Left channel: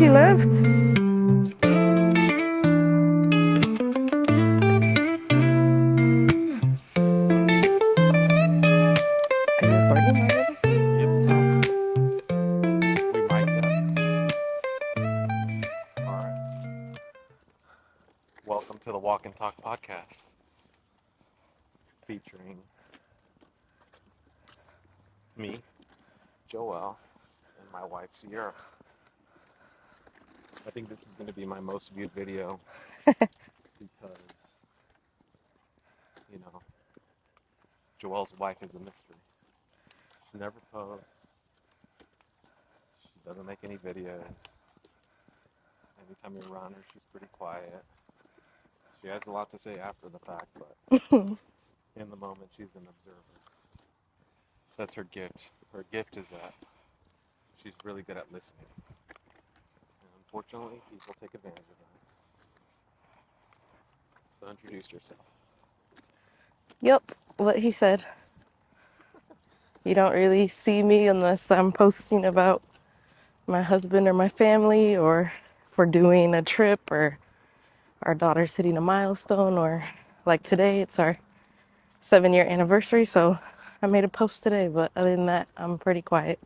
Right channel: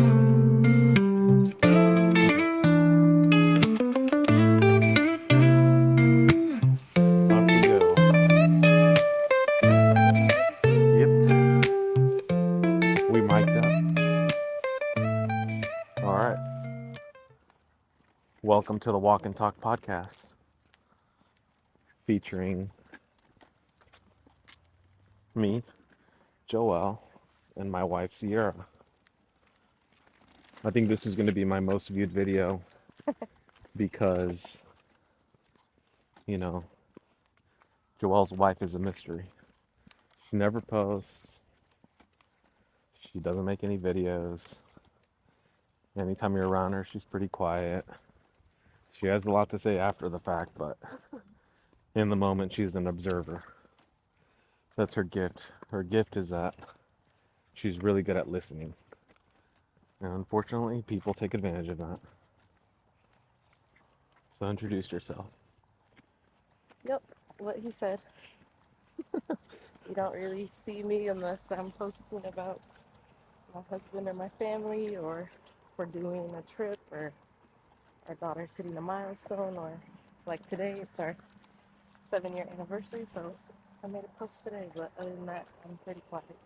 she left. We mic'd up. All right. Welcome to the Walk and Talk podcast, featuring me, Joel, and my wife, Sierra. I think this is going to be my most viewed video because, you know, Joel's wife is a mystery. She never posts. She doesn't make any videos. Anytime you're around her, she's pretty quiet. She has a lot to say after the fact, but in the moment, she's an observer. That's her gift. Her gift is that she's really good at listening. And unfortunately, people take advantage of that. So introduce yourself. Yep, what he said. You don't really see me unless I'm posting about my husband or my family, or if we're doing a trip, or our daughter's hitting a milestone, or like today, it's our 7-year anniversary, so I made a post today, but other than that, I'm pretty quiet.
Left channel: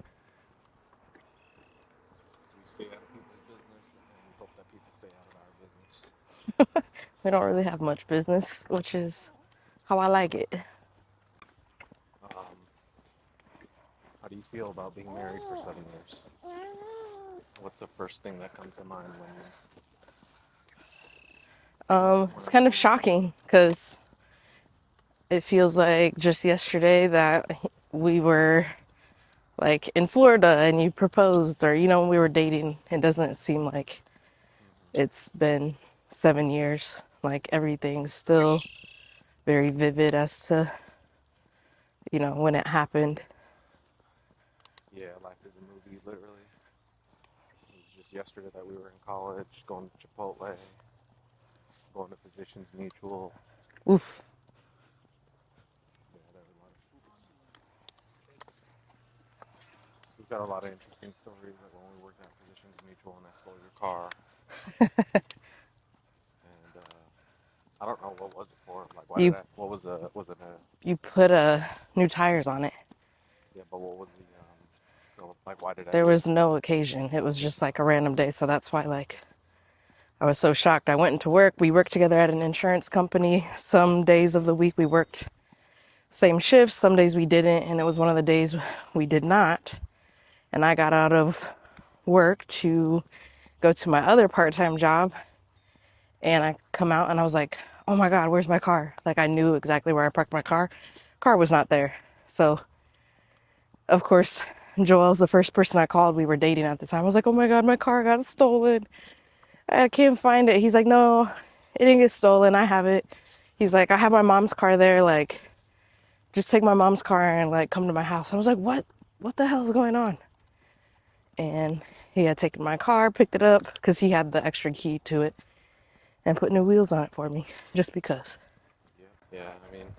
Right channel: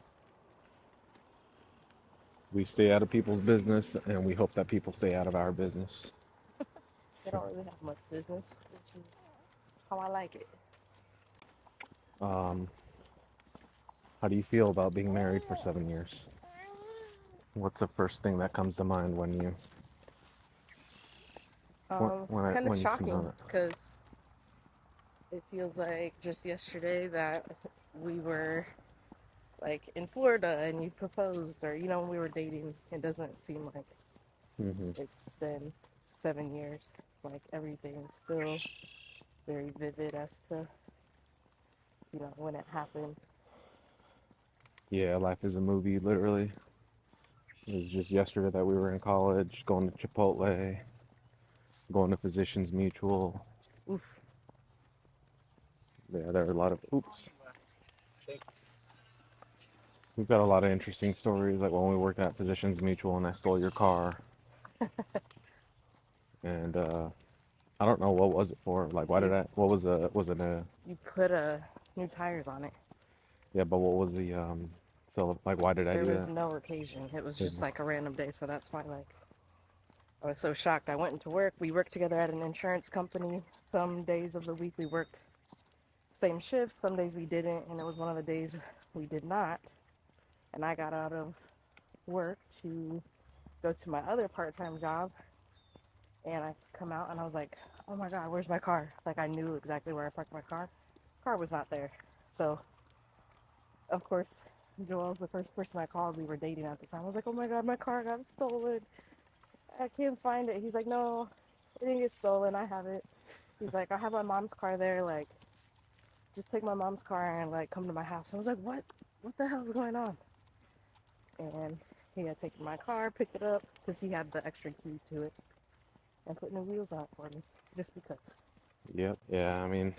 We stay out of people's business, and we hope that people stay out of our business. We don't really have much business, which is how I like it. Um, how do you feel about being married for 7 years? What's the first thing that comes to mind when you? It's kind of shocking because it feels like just yesterday that we were like in Florida and you proposed, or when we were dating. It doesn't seem like it's been 7 years. Like everything's still very vivid as to when it happened. Yeah, life is a movie, literally. It was just yesterday that we were in college, going to Chipotle, going to Physicians Mutual. Oof. Yeah, there are a lot of oops. We've got a lot of interesting stories, like when we worked at Physicians Mutual and I stole your car. And I don't know what was it for. Like, why did You I? What was it a? you put new tires on it. Yeah, but what was the? So like, why did I There do was that? no occasion. It was Yeah. just like a random day, so that's why I was so shocked. I went into work. We worked together at an insurance company. Some days of the week we worked same shifts, some days we didn't, and it was one of the days we did not. And I got out of work to go to my other part-time job, and I come out and I was like, oh my God, where's my car? Like, I knew exactly where I parked my car. Car was not there. So of course, Joel's the first person I called. We were dating at the time. I was like, oh my God, my car got stolen. I can't find it. He's like, no, it didn't get stolen. I have it. He's like, I have my mom's car there. Like, just take my mom's car and like come to my house. I was like, what? What the hell is going on? And he had taken my car, picked it up because he had the extra key to it, and put new wheels on it for me, just because. Yep. Yeah. I mean,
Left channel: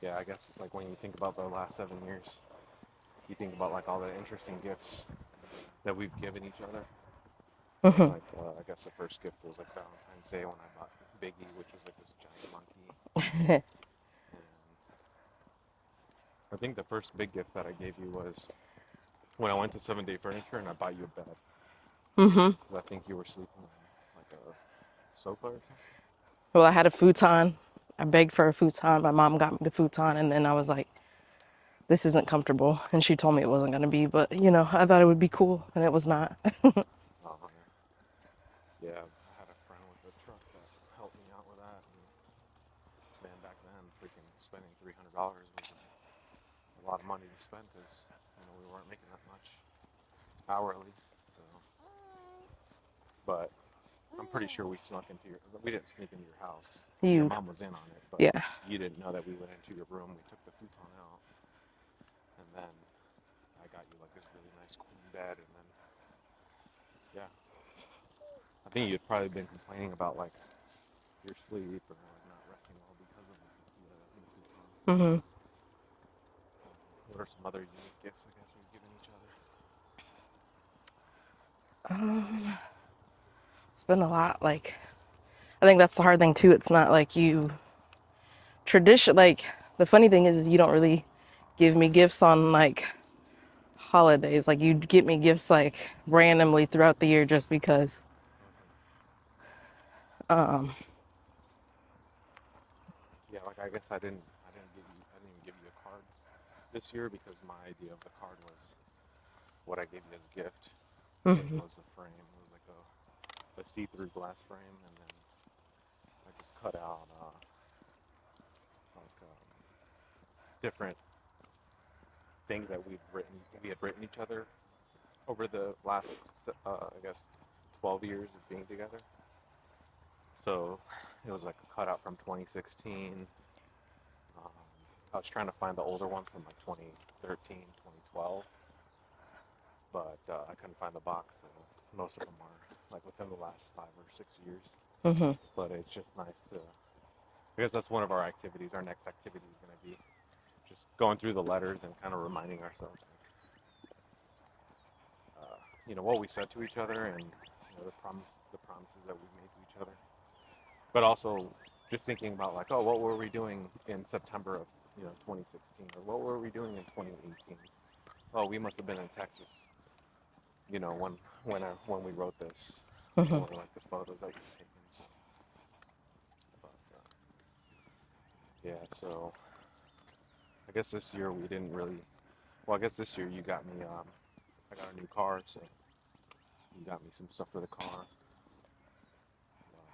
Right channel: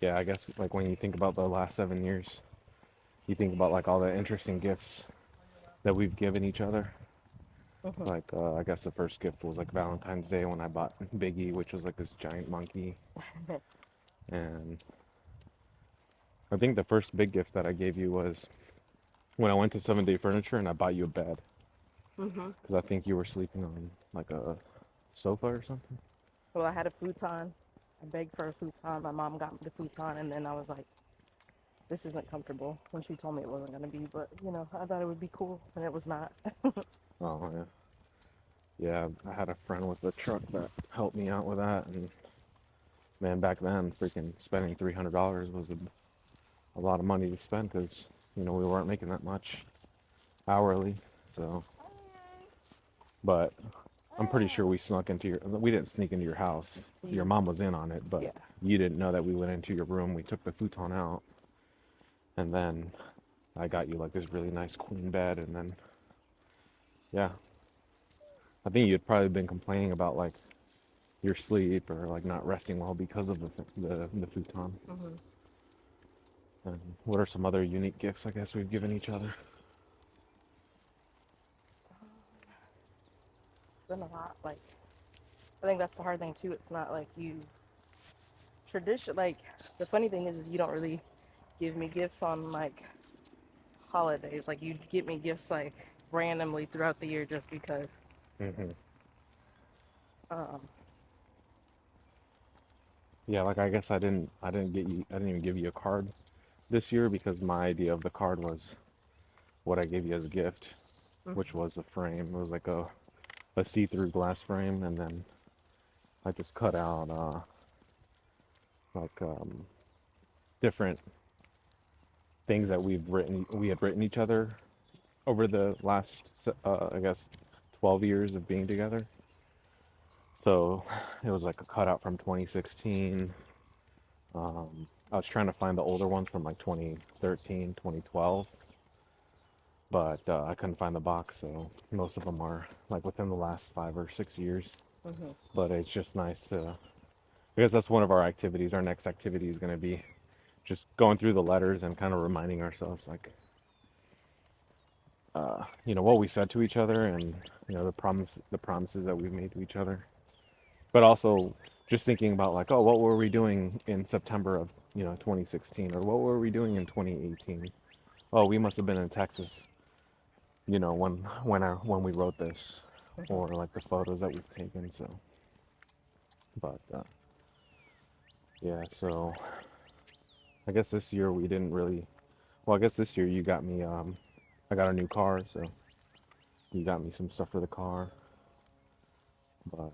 yeah. I guess like when you think about the last 7 years, you think about like all the interesting gifts that we've given each other. Like, I guess the first gift was like Valentine's Day when I bought Biggie, which was like this giant monkey. And I think the first big gift that I gave you was when I went to 7 Day Furniture and I bought you a bed. Because I think you were sleeping on like a sofa or something. Well, I had a futon. I begged for a futon. My mom got me the futon, and then I was like, this isn't comfortable. And she told me it wasn't going to be, but I thought it would be cool, and it was not. Oh, yeah. Yeah, I had a friend with a truck that helped me out with that. And man, back then, freaking spending $300 was a lot of money to spend because, we weren't making that much hourly. So, but I'm pretty sure we didn't sneak into your house. Your mom was in on it, but Yeah. you didn't know that we went into your room. We took the futon out, and then I got you like this really nice queen bed, and then, yeah. I think you'd probably been complaining about like your sleep or like not resting well because of the futon. And what are some other unique gifts I guess we've given each other? been a lot. Like, I think that's the hard thing too. It's not like you like the funny thing is you don't really give me gifts on like holidays. Like you get me gifts like randomly throughout the year just because. Hmm. Um, Yeah, like I didn't even give you a card this year because my idea of the card was what I gave you as a gift, which mhm. was a frame. It was like a see-through glass frame, and then I just cut out like different things that we had written each other over the last I guess 12 years of being together. So it was like a cutout from 2016. I was trying to find the older ones from like 2013, 2012, but I couldn't find the box, so most of them are like within the last 5 or 6 years. Mhm. But it's just nice to, because that's one of our activities. Our next activity is going to be just going through the letters and kind of reminding ourselves, like, what we said to each other, and the promises that we've made to each other. But also just thinking about like, oh, what were we doing in September of 2016, or what were we doing in 2018? Oh, we must have been in Texas, when we wrote this, Mhm. or like the photos that we've taken. So, but yeah, so I guess this year we didn't really. Well, I guess this year you got me. I got a new car, so you got me some stuff for the car. But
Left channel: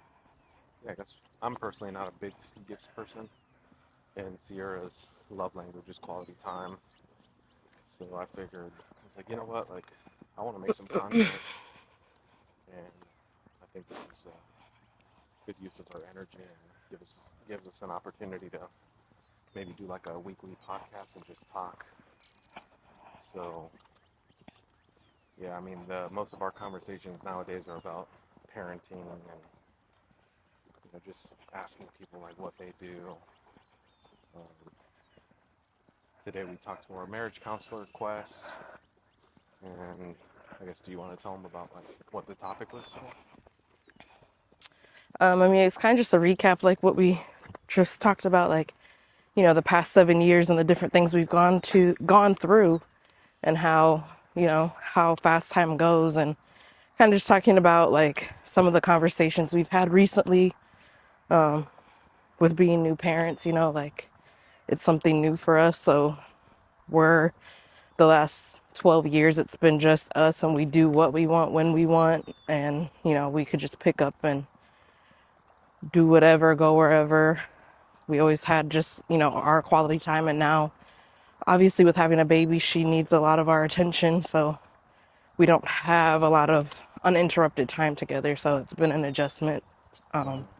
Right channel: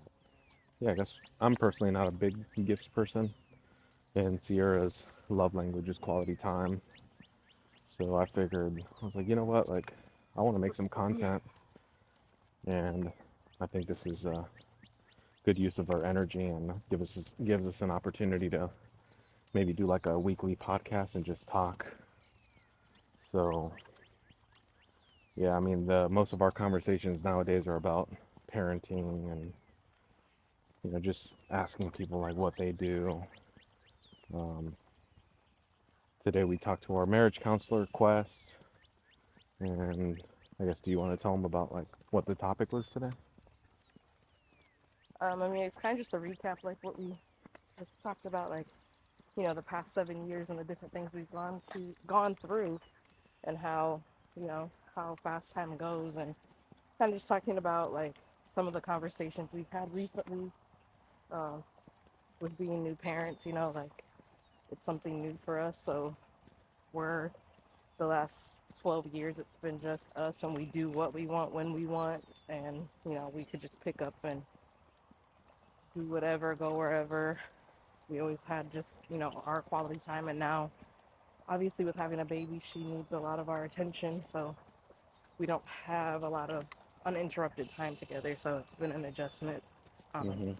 yeah, I guess I'm personally not a big gifts person, and Sierra's love language is quality time. So I figured, I was like, you know what, like, I want to make some content, and I think this is a good use of our energy, and gives us an opportunity to maybe do like a weekly podcast and just talk. So yeah, I mean, the most of our conversations nowadays are about parenting, and just asking people like what they do. Um, Today we talked to our marriage counselor, Quest, and I guess, do you want to tell them about like what the topic was today? I mean, it's kind of just a recap, like what we just talked about, like the past 7 years and the different things we've gone through, and how fast time goes, and kind of just talking about like some of the conversations we've had recently with being new parents. Like it's something new for us, so we're the last 12 years it's been just us, and we do what we want when we want, and we could just pick up and do whatever, go wherever. We always had just our quality time, and now obviously with having a baby she needs a lot of our attention, so we don't have a lot of uninterrupted time together, so it's been an adjustment. um, Hmm.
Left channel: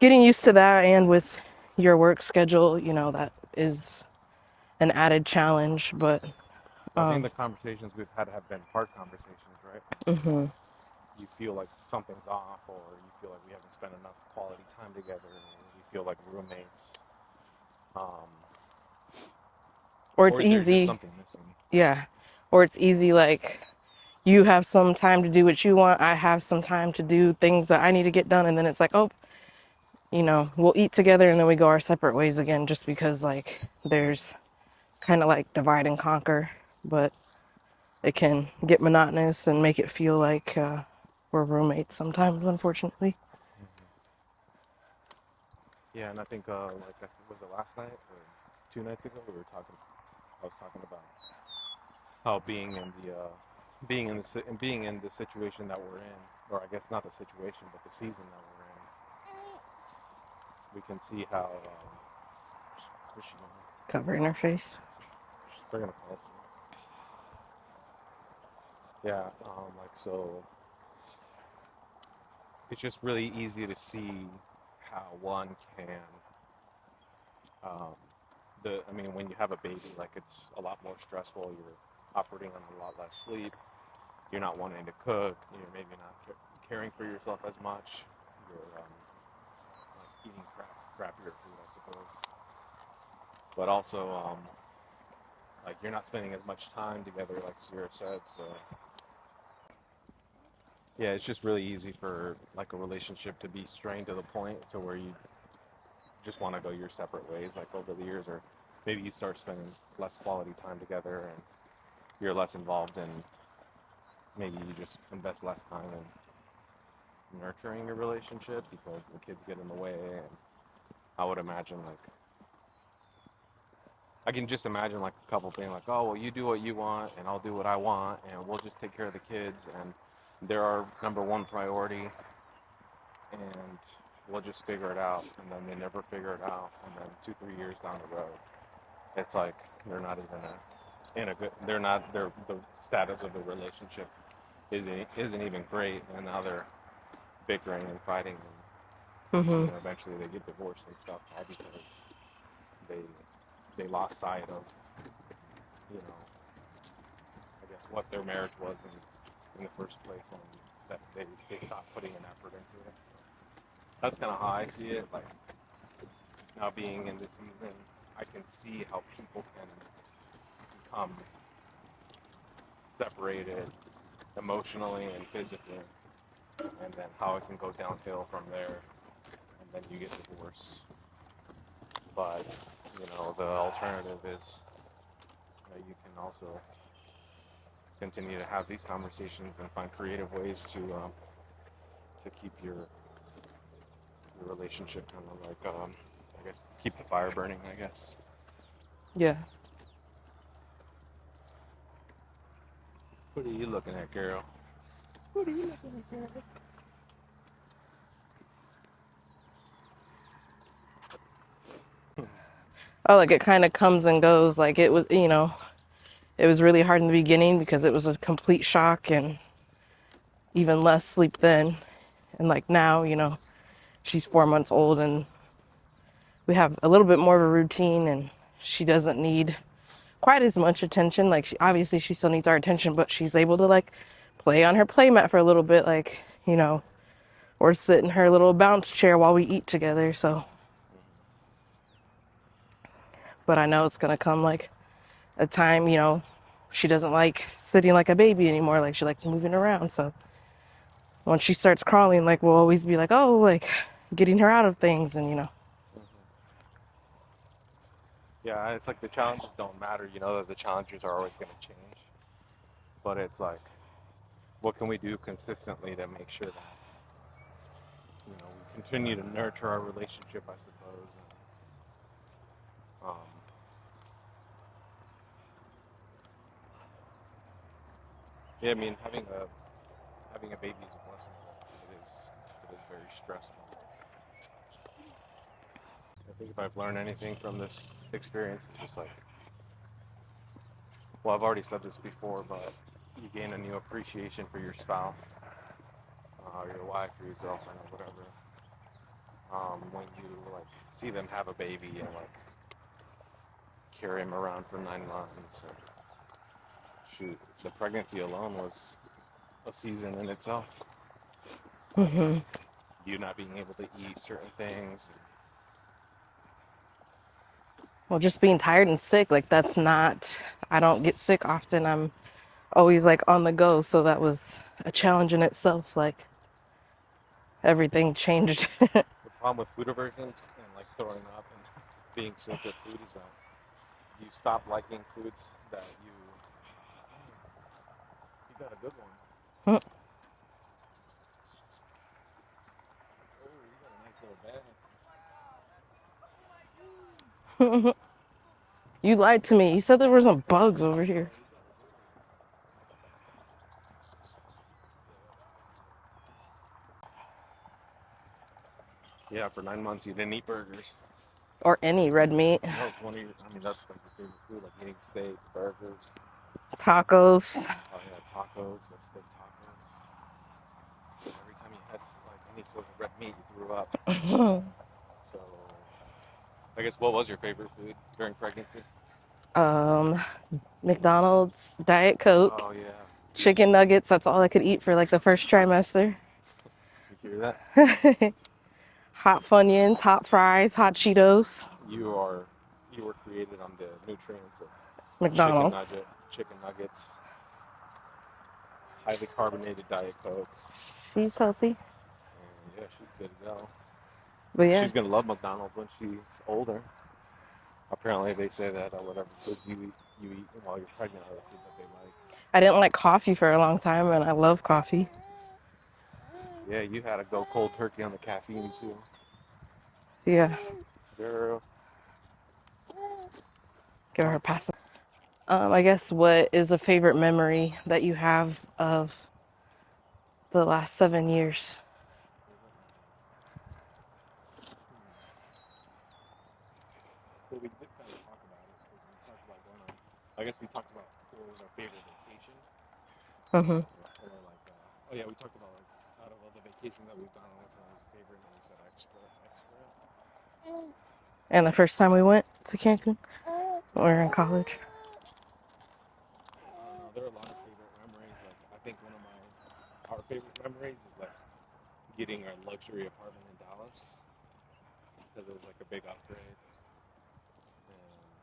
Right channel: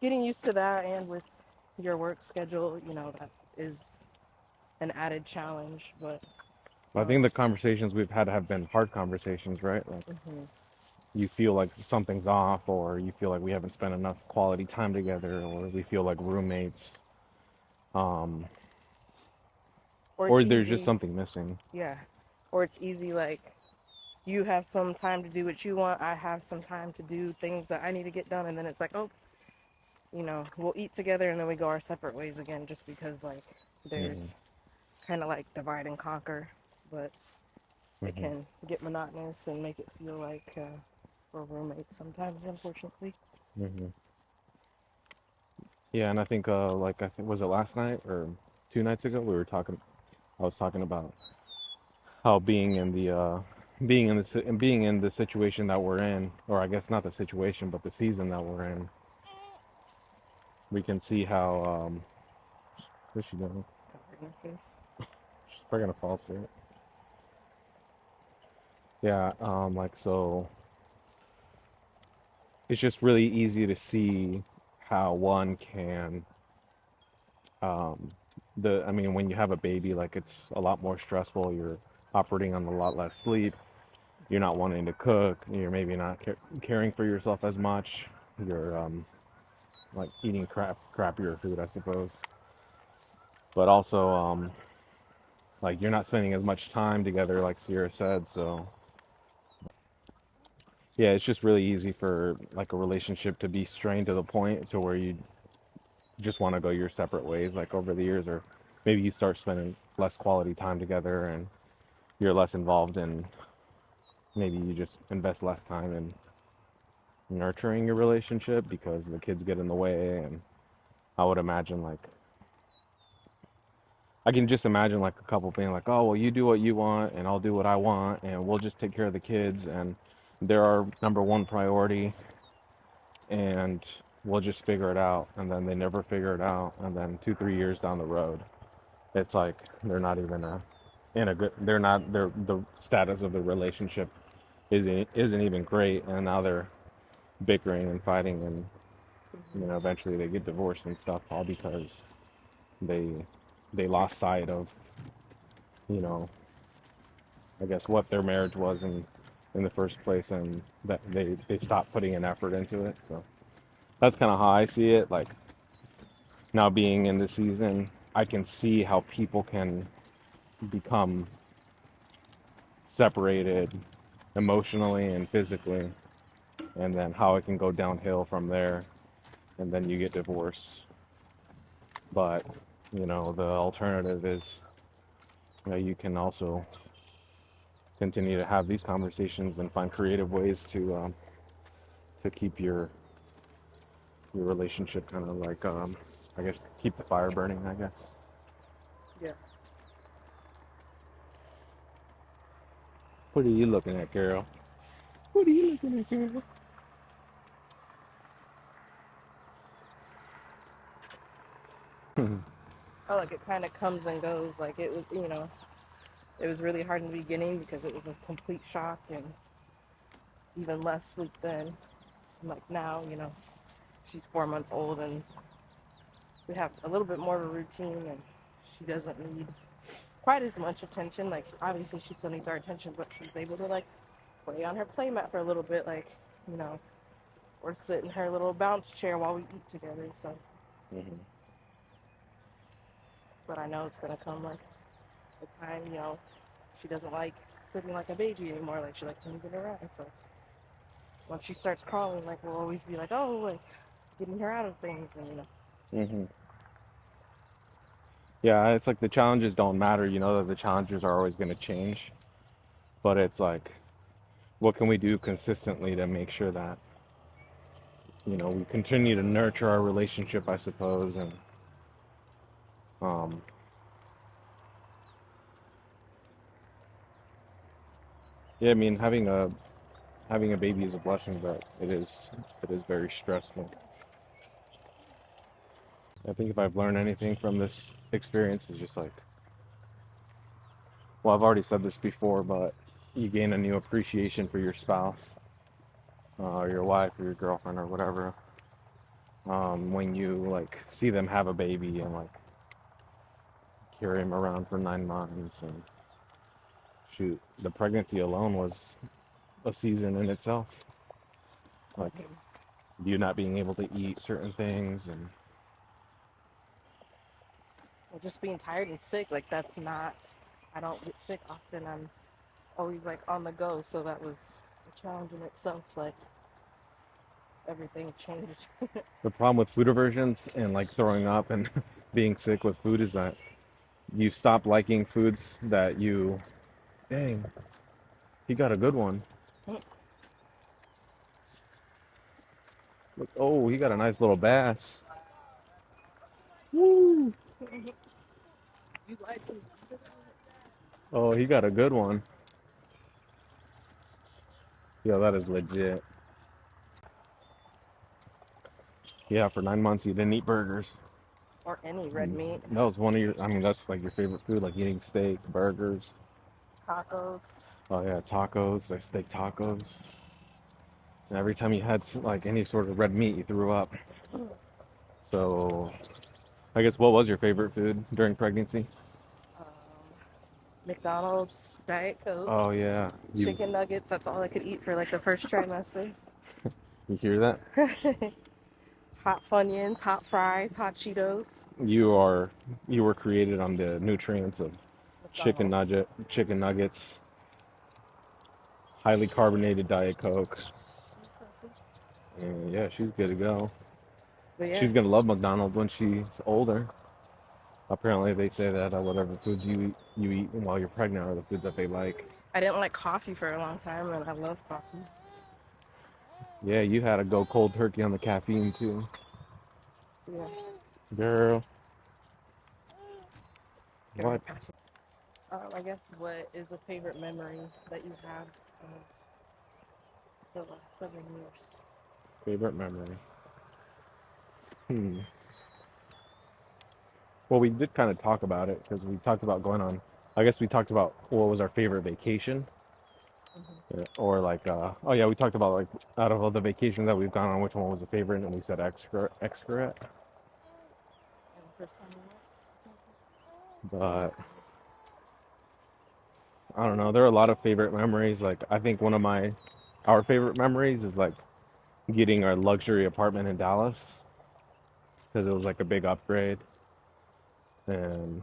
Getting used to that, and with your work schedule, that is an added challenge, but I think the conversations we've had have been hard conversations, right? Like, you feel like something's off, or you feel like we haven't spent enough quality time together, or we feel like roommates, um, or it's or there's just easy. something missing. Yeah, or it's easy, like you have some time to do what you want, I have some time to do things that I need to get done, and then it's like, oh, we'll eat together and then we go our separate ways again, just because like Hmm. there's kind of like divide and conquer. But it Hmm. can get monotonous and make it feel like we're roommates sometimes, unfortunately. Hmm. Yeah, and I think like, was it last night or 2 nights ago, we were talking. I was talking about how being in the situation that we're in, or I guess not the situation, but the season that we're in, we can see how what's she doing? Covering her face. She's probably gonna fall asleep. Yeah, like, so it's just really easy to see how one can um I mean, when you have a baby, like, it's a lot more stressful. You're operating on a lot less sleep. You're not wanting to cook. You're maybe not caring for yourself as much. You're like eating crappier food, I suppose. But also, like, you're not spending as much time together, like Sierra said. So yeah, it's just really easy for like a relationship to be strained to the point to where you just want to go your separate ways, like over the years, or maybe you start spending less quality time together and you're less involved in, maybe you just invest less time in nurturing your relationship because the kids get in the way. And I would imagine like, I can just imagine like a couple being like, oh, well, you do what you want and I'll do what I want and we'll just take care of the kids and they're our number one priority and we'll just figure it out. And then they never figure it out. And then 2, 3 years down the road, it's like they're not even in a good, they're not, the status of the relationship isn't even great. And now they're bickering and fighting and, Mm-hmm. eventually they get divorced and stuff all because they, they lost sight of, you know, I guess what their marriage was in the first place, and that they stopped putting an effort into it. So that's kind of how I see it. Like now being in the season, I can see how people can become separated emotionally and physically, and then how it can go downhill from there, and then you get divorced. But the alternative is you can also continue to have these conversations and find creative ways to keep your relationship kind of like I guess keep the fire burning, I guess. Yeah. What are you looking at, Carol? What are you looking at, Carol? Oh, like it kind of comes and goes. Like it was, it was really hard in the beginning because it was a complete shock and even less sleep then. And like now, she's 4 months old and we have a little bit more of a routine and she doesn't need quite as much attention. Like obviously she still needs our attention, but she's able to like play on her play mat for a little bit, like, or sit in her little bounce chair while we eat together. So, Mm-hmm. but I know it's going to come like a time, she doesn't like sitting like a baby anymore. Like she likes moving around. So when she starts crawling, like we'll always be like, oh, like getting her out of things and, Mm-hmm. Yeah, it's like the challenges don't matter. You know that the challenges are always going to change, but it's like, what can we do consistently to make sure that we continue to nurture our relationship, I suppose, and um, yeah, I mean having a baby is a blessing, but it is very stressful. I think if I've learned anything from this experience, is just like, well, I've already said this before, but you gain a new appreciation for your spouse, or your wife, or your girlfriend, or whatever, when you like see them have a baby and like carry him around for 9 months, and shoot, the pregnancy alone was a season in itself. Like you not being able to eat certain things and well, just being tired and sick, like that's not, I don't get sick often. I'm always like on the go. So that was a challenge in itself. Like everything changed. the problem with food aversions and like throwing up and being sick with food is that you stop liking foods that you, dang, he got a good one. Look, oh, he got a nice little bass. Woo! You lied to me. You said there were some bugs over here. Oh, he got a good one. Yeah, that is legit. Yeah, for 9 months you didn't eat burgers. Or any red meat. That was one of your, I mean, that's like your favorite food, like eating steak, burgers. Tacos. Oh yeah, tacos, like steak tacos. And every time you had like any sort of red meat, you threw up. So, I guess what was your favorite food during pregnancy? um, McDonald's, Diet Coke, Oh yeah, chicken nuggets. That's all I could eat for like the first trimester. you hear that? Hot Funyuns, hot fries, hot Cheetos, You were created on the nutrients of McDonald's. chicken nuggets, highly carbonated Diet Coke. She's healthy. And yeah, she's good to go. But yeah, She's gonna love McDonald's when she's older. Apparently, they say that whatever foods you eat while you're pregnant are the foods that they like. I didn't like coffee for a long time, and I love coffee. Yeah, you had to go cold turkey on the caffeine too, Yeah, girl. give her a What pass. I guess what is a favorite memory that you have of the last 7 years? favorite memory? Hmm. Well, we did kind of talk about it because we talked about going on. I guess we talked about what was our favorite vacation, Hmm. or like, oh yeah, we talked about like out of all the vacations that we've gone on, which one was a favorite, and we said Xcaret. And the first time we went to Cancun, we were in But college. I don't know. There are a lot of favorite memories. Like I think one of our favorite memories is like getting our luxury apartment in Dallas because it was like a big upgrade, and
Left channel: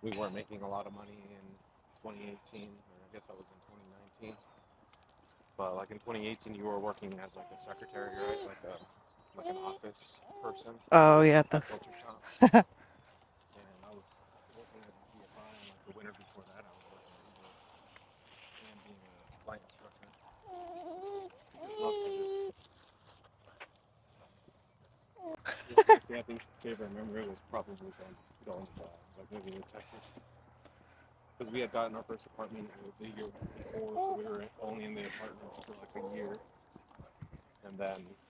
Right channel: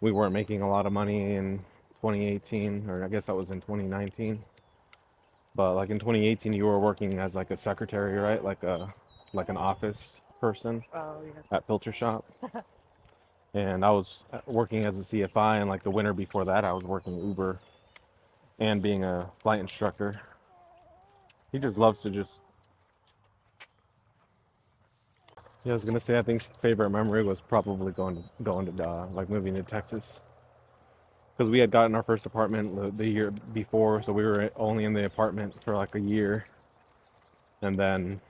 we weren't making a lot of money in 2018, or I guess that was in 2019. But like in 2018, you were working as like a secretary, right? Like an office person Oh yeah, at Filter Shop. And I was working as a CFI, and like the winter before that, I was working Uber and being a flight instructor. He just loves to just. Yeah, I was gonna say I think favorite memory was probably going to like moving to Texas because we had gotten our first apartment the year before, so we were only in the apartment for like a year, and then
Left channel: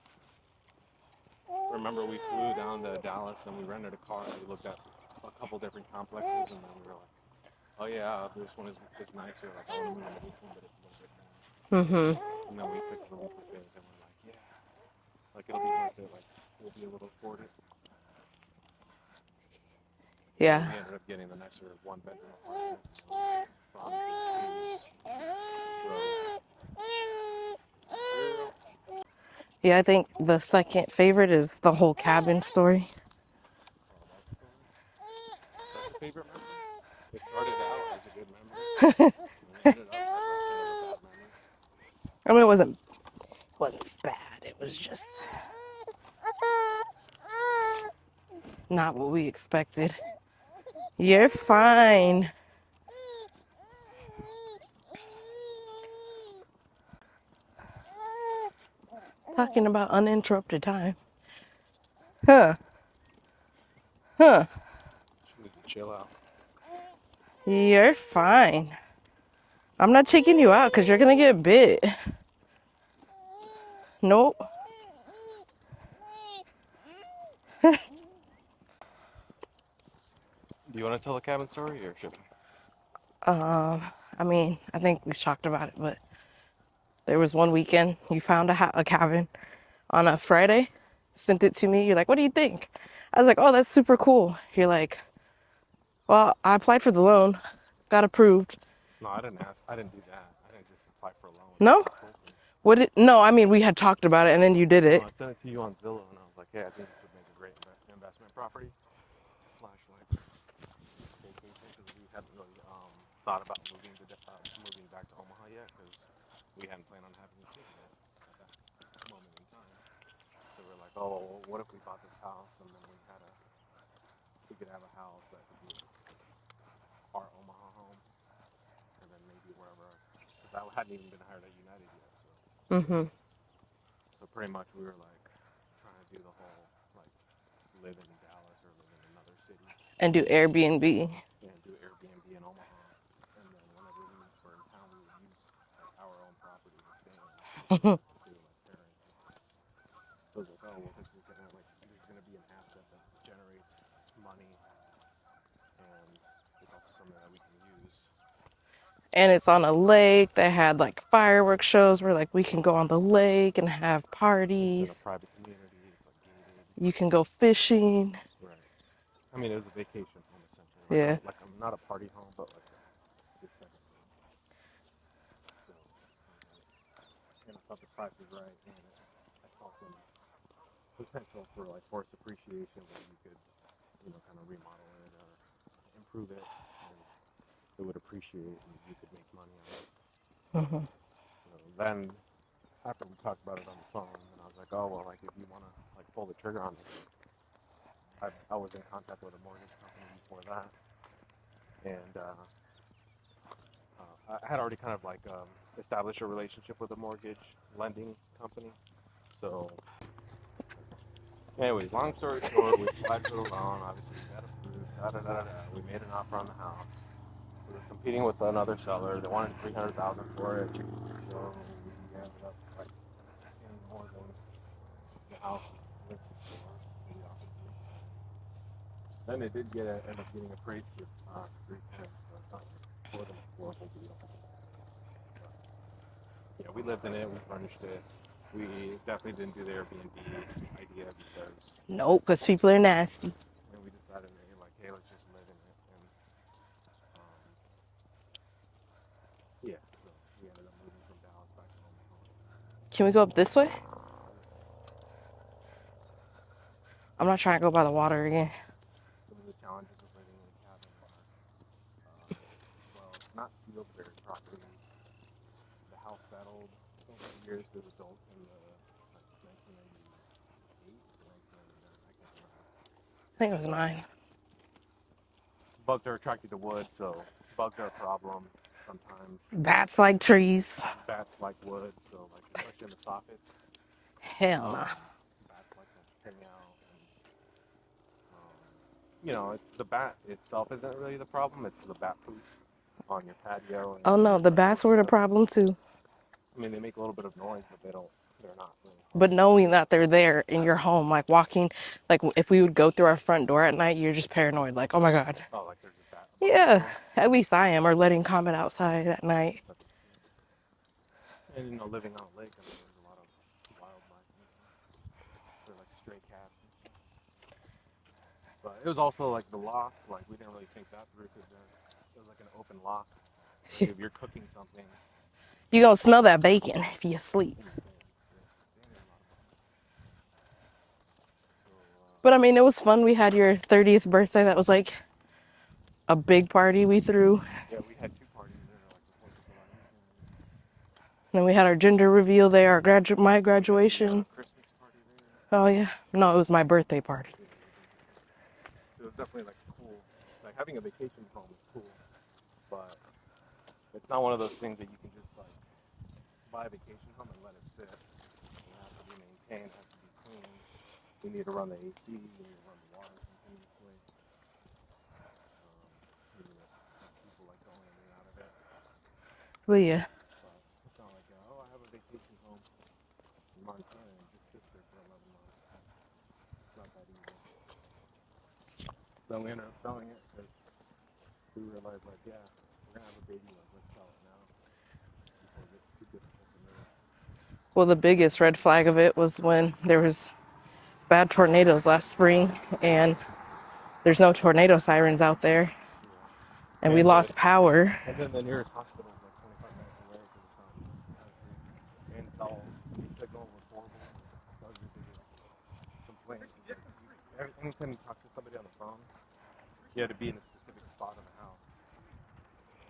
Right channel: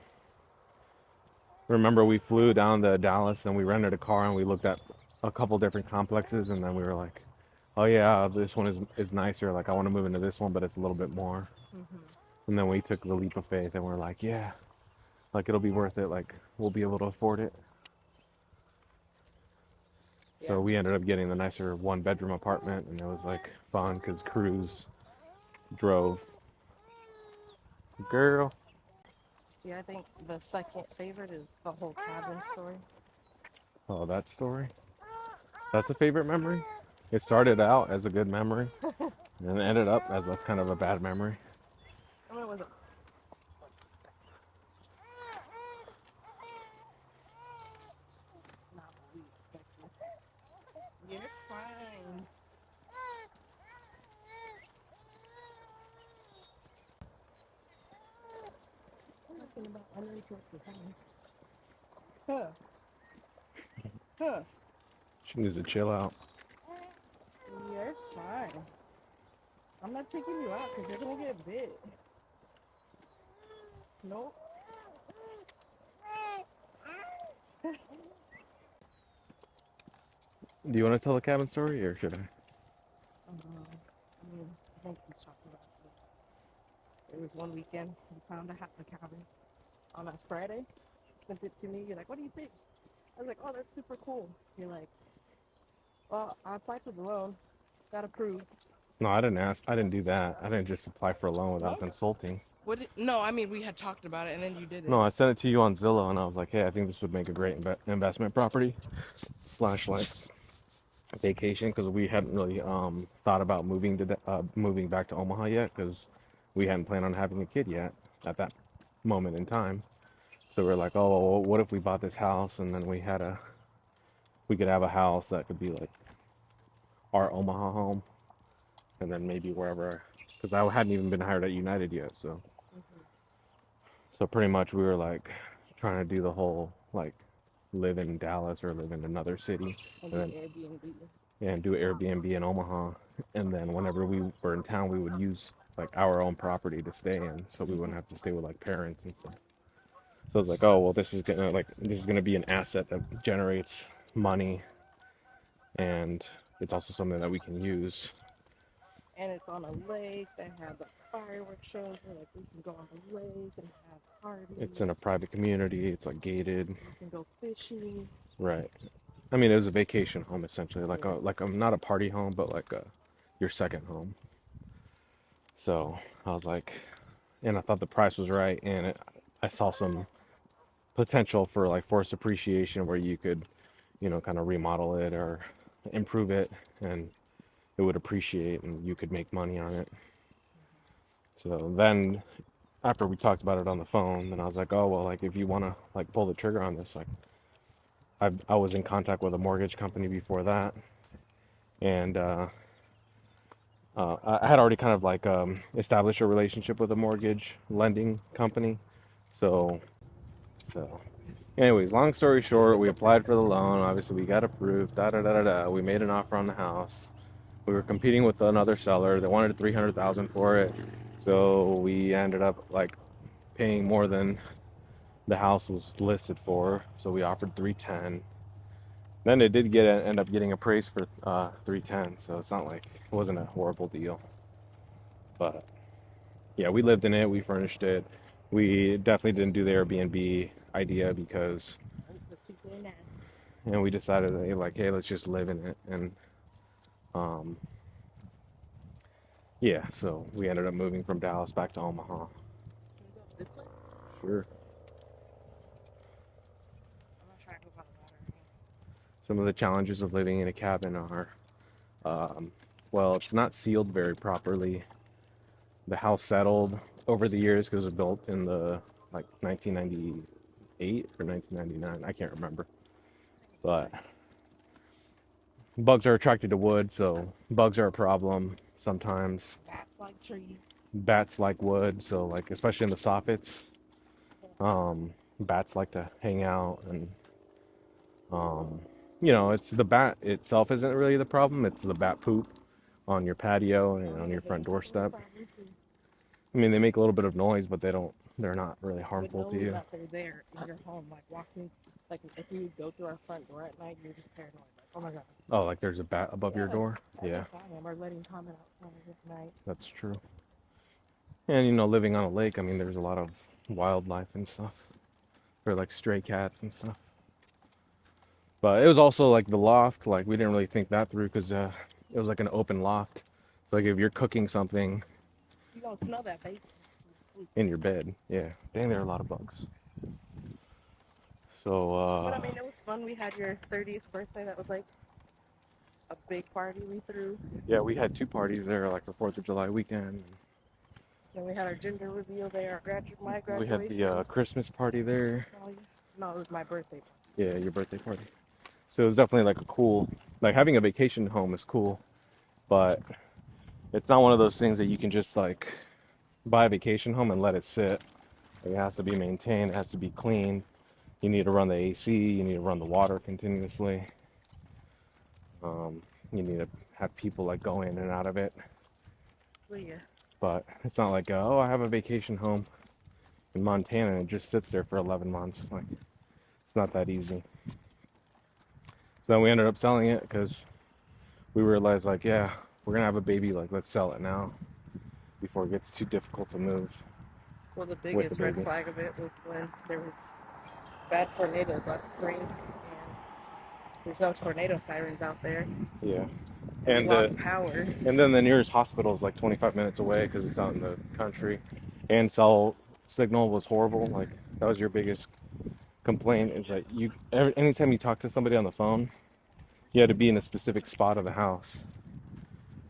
remember we flew down to Dallas and we rented a car and we looked at a couple different complexes, and then we were like, oh yeah, this one is nicer. Like I want to move into this one, but it's a little bit more. hmm And then we took the leap of faith and we're like, yeah, like it'll be worth it. Like we'll be able to afford it. So yeah, we ended up getting the nicer one bedroom apartment, and it was like fun because Cruz drove. Girl. yeah. I think the second favorite is the whole cabin story. Oh, that story. That's a favorite memory. It started out as a good memory, and ended up as a kind of a bad memory. I mean, it wasn't bad. It was just not what we expected. You're fine. Talking about uninterrupted time. Huh. Huh. She needs to chill out. You're fine. I'm not taking you out because you're going to get bit. Nope. Do you want to tell the cabin story or should I? I mean, I think we've talked about it, but there was one weekend you found a cabin on a Friday, sent it to me. You're like, what do you think? I was like, oh, that's super cool. You're like, well, I applied for the loan, got approved. No, I didn't ask. I didn't do that. I didn't just apply for a loan without No? consulting. No, I mean, we had talked about it and then you did No, it. I sent it to you on Zillow, and I was like, hey, I think this would make a great investment property slash like vacation because we hadn't really thought about moving back to Omaha yet because we hadn't planned on having a kid yet at that moment in time. So we're like, oh, well, what if we bought this house and then we could have a house that could be like our Omaha home, and then maybe wherever, because I hadn't even been hired at United yet, so pretty much we were like trying to do the whole like live in Dallas or live in another city And do and Airbnb. do Airbnb in Omaha, and then whenever we were in town, we would use like our own property to stay in, so we wouldn't have to stay with like parents and stuff. So I was like, oh well, this is gonna be an asset that generates money, and it's also something that we can use. And it's on a lake that had like fireworks shows where like we can go on the lake and have It's in a parties. private community. It's like gated, You can go fishing. right? I mean, it was a vacation home essentially, Yeah. like I'm not a party home, but like your second home. So I was like, and I thought the price was right, and I saw some potential for like forced appreciation where you could, kind of remodel it or improve it, and it would appreciate, and you could make money on it. So then after we talked about it on the phone, then I was like, oh well, like if you want to like pull the trigger on this, like I was in contact with a mortgage company before that, and I had already kind of like established a relationship with a mortgage lending company. So, so, anyways, long story short, we applied for the loan. Obviously, we got approved. Da da da da da. We made an offer on the house. We were competing with another seller. They wanted 300,000 for it. So we ended up like paying more than the house was listed for. So we offered 310. Then it did end up getting appraised for 310. So it's not like it wasn't a horrible deal. But yeah, we lived in it. We furnished it. We definitely didn't do the Airbnb idea because, Nope, because people are nasty. you know, we decided that like, hey, let's just live in it. And um, yeah, so we ended up moving from Dallas back to Omaha. Can we go up this way? Sure. I'm not trying to go by the water again. Some of the challenges of living in a cabin are, well, it's not sealed very properly. The house settled over the years because it was built in the like 1998 or 1999. I can't remember. I think it was But mine. bugs are attracted to wood, so bugs are a problem sometimes. Bats like trees. Bats like wood, so like especially in the soffits, Hell nah. bats like to hang out, and um, you know, it's the bat itself isn't really the problem. It's the bat poop on your patio and Oh on no, your the front bats were the doorstep. problem too. I mean, they make a little bit of noise, but they're not really But harmful to knowing you. that they're there in your home, like walking, like if we would go through our front door at night, you're just paranoid. Like, oh my God. Oh, like there's a bat above your Yeah, door? at Yeah, least I am. Or letting Comet outside at night. that's true. And you know, living on a lake, I mean, there's a lot of wildlife and stuff, or like stray cats and stuff. But it was also like the loft, like we didn't really think that through because it was like an open loft. Like if you're cooking something You gonna smell that bacon if you sleep. in your bed, yeah, dang, there are a lot of bugs. So But I mean, it was fun. We had your 30th birthday. That was like a big party we threw. yeah, we had two parties there, like the 4th of July weekend. Then we had our gender reveal there, our my We had the graduation. Christmas party there. Oh yeah. No, it was my birthday party. Yeah, your birthday party. So it was definitely like a cool, like having a vacation home is cool, but it's not one of those things that you can just like buy a vacation home and let it sit. It has to be maintained, it has to be clean. You need to run the AC, you need to run the water continuously. You need to have people like go in and out of it. But yeah. But it's not like, oh, I have a vacation home in Montana and it just sits there for 11 months. Like, it's not that easy. So then we ended up selling it because we realized, like, yeah, we're gonna have a baby. Like, let's sell it now before it gets too difficult to move Well, the with the biggest red baby. flag of it was when there was bad tornadoes last spring, and there's no tornado sirens out there, Yeah. and we And lost power. and then the nearest hospital is like 25 minutes away because it's out in the country, and cell signal was horrible. Like that was your biggest complaint is that anytime you talk to somebody on the phone, you had to be in a specific spot of the house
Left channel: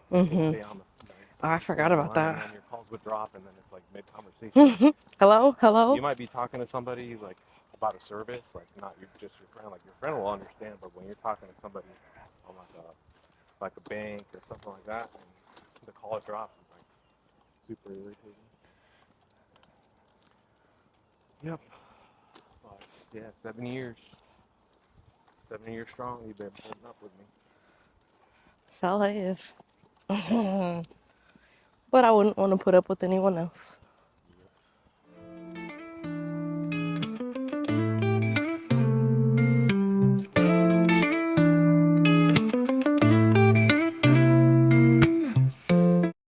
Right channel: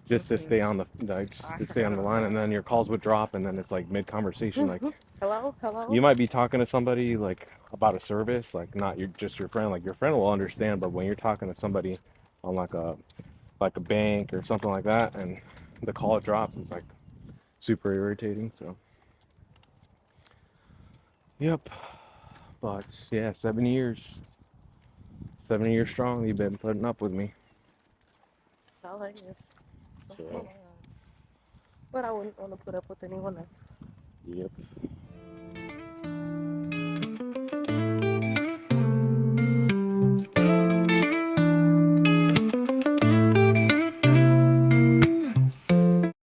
just to stay on the like, just Oh, I to stay forgot on the about line, and that. then your calls would drop, and then it's like mid conversation. Like Hello, hello. you might be talking to somebody like about a service, like not just your friend. Like your friend will understand, but when you're talking to somebody on like a bank or something like that, and the call drops, it's like super irritating. So, yep. But yeah, 7 years strong. You've been putting up with me. So if. But I wouldn't want to put up with anyone else. Yep.